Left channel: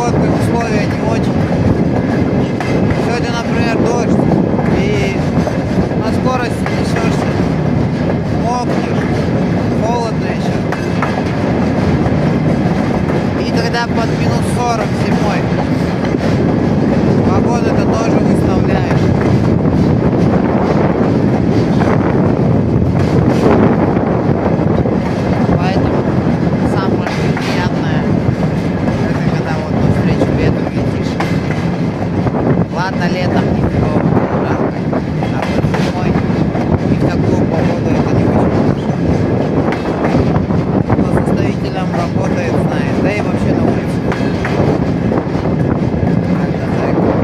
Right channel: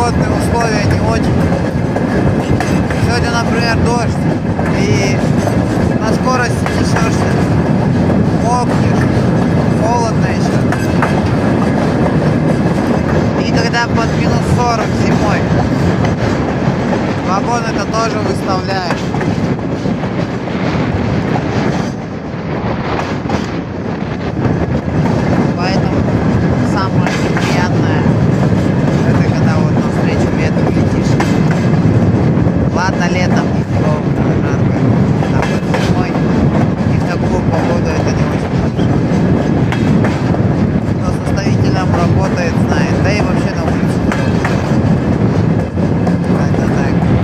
погодные условия не очень. Сегодня, например, дождь, и на скорости несешься, мокнешь, холодно еще. И когда под минус 40 зимой, вагоны-то тоже выставляешь. Поэтому самое неприятное — это когда вот навстречу ветру летишь. Ладно, летом ничего, жарко, а вот зимой и в такую погоду это не очень хорошо. Кто составителем работает, знает, да и вообще на улице когда так.